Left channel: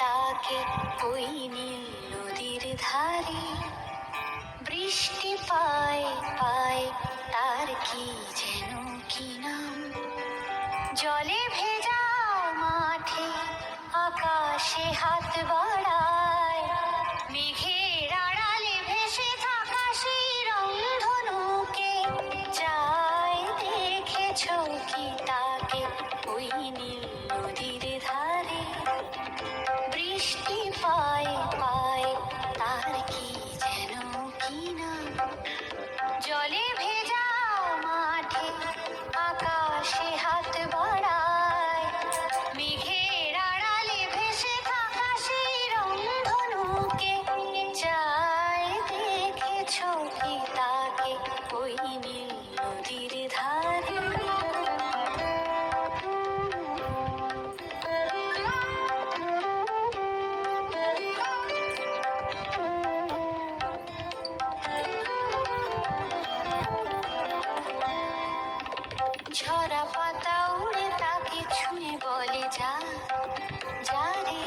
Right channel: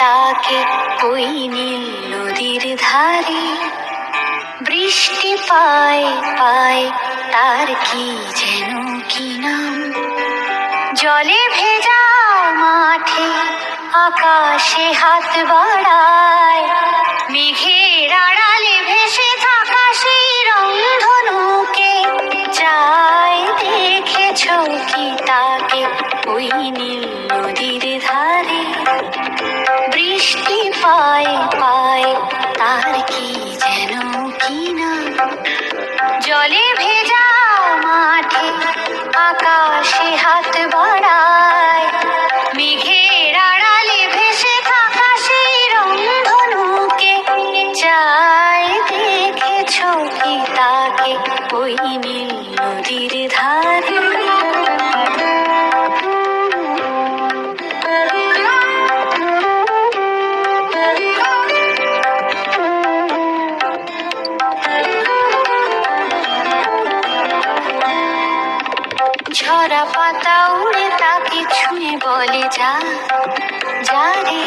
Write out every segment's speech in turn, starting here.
তাকে ওই নীল নদীর ধারে। বৃষ্টি পায় পায় তার কি যেন কি নাম। জলে ভেজা মাঠে আকাশে হাত বাড়ায়, মেঘের আড়ালে ভেসে থাকা সেই রংধনুকে। চাই দেখেছ কি তাকে ওই নীল নদীর ধারে। বৃষ্টি পায় পায় তার কি যেন কি না। জলে ভেজা মাঠে আকাশে হাত বাড়ায়, মেঘের আড়ালে ভেসে থাকা সেই রংধনুকে। চাই দেখেছ কি তাকে ওই নীল নদীর ধারে। ঝরা পাতা উড়ে তাকে ছুঁয়ে বলে যা যা রে,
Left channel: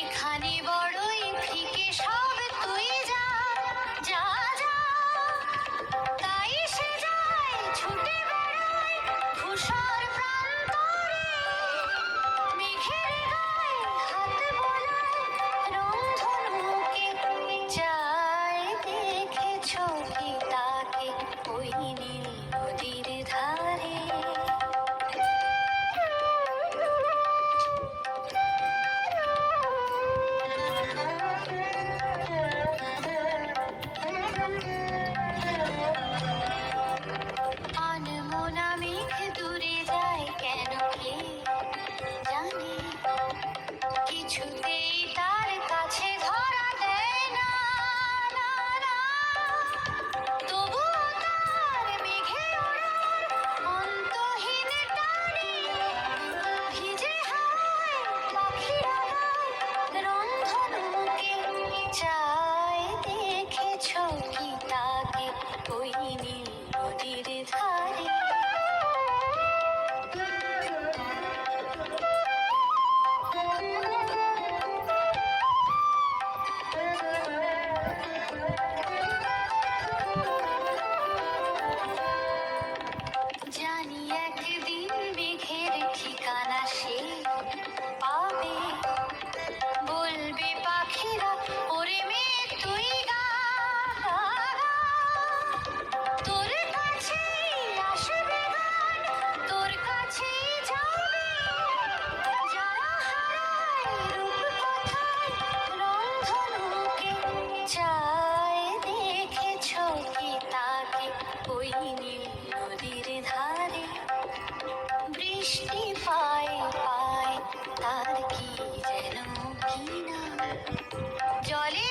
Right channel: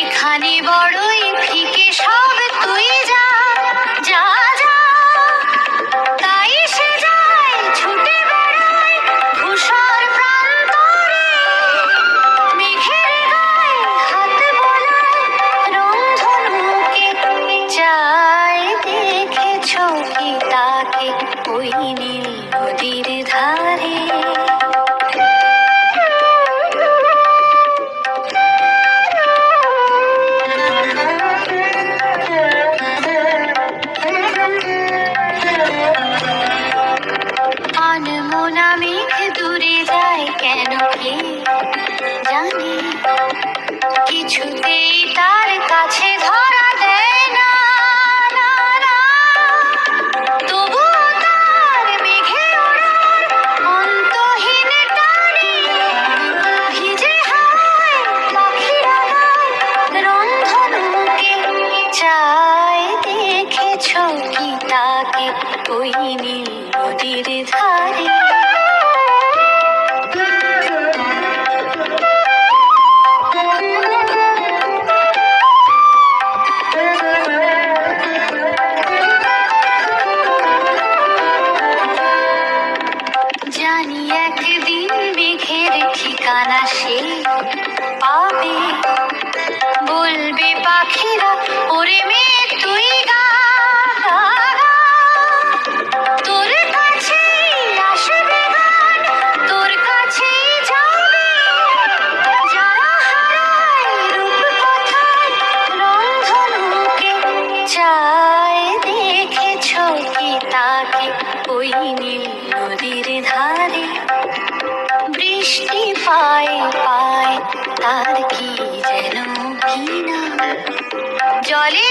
এখানে বড়ই ফিকে সব তুই যা যা যা। তাই সে যায় ছুটে বেড়ায় ধূসর প্রান্তরে, মেঘের গায়ে হাত বোলায় রংধনুকে। চাই দেখেছ কি তাকে ওই নীল নদীর ধারে। আনমনা মেঘ দূরে যায় কেন কে জানে, কিছুতেই তার কাছে ধরা দেয় না না না। তবুও তার মেঘে ওড়ার অন্তহীন টানে, ভিজে হাওয়ায় পাখিরা গায় রংধনুকে। চাই দেখেছ কি তাকে ওই নীল নদীর ধারে। জানি একদিন মেঘের ঠিকানা সে পাবে, বলবে পাখিরা ওরে মেঘ তুই গা গা গা। তোর কাছেই আসবে গান, তোর কাছেই যাবে। যারা হারায় রূপ কথায় রংধনুকে। চাই দেখেছ কি তাকে ওই নীল নদীর ধারে। বৃষ্টি পায় পায় তার কি যেন কি না। জলে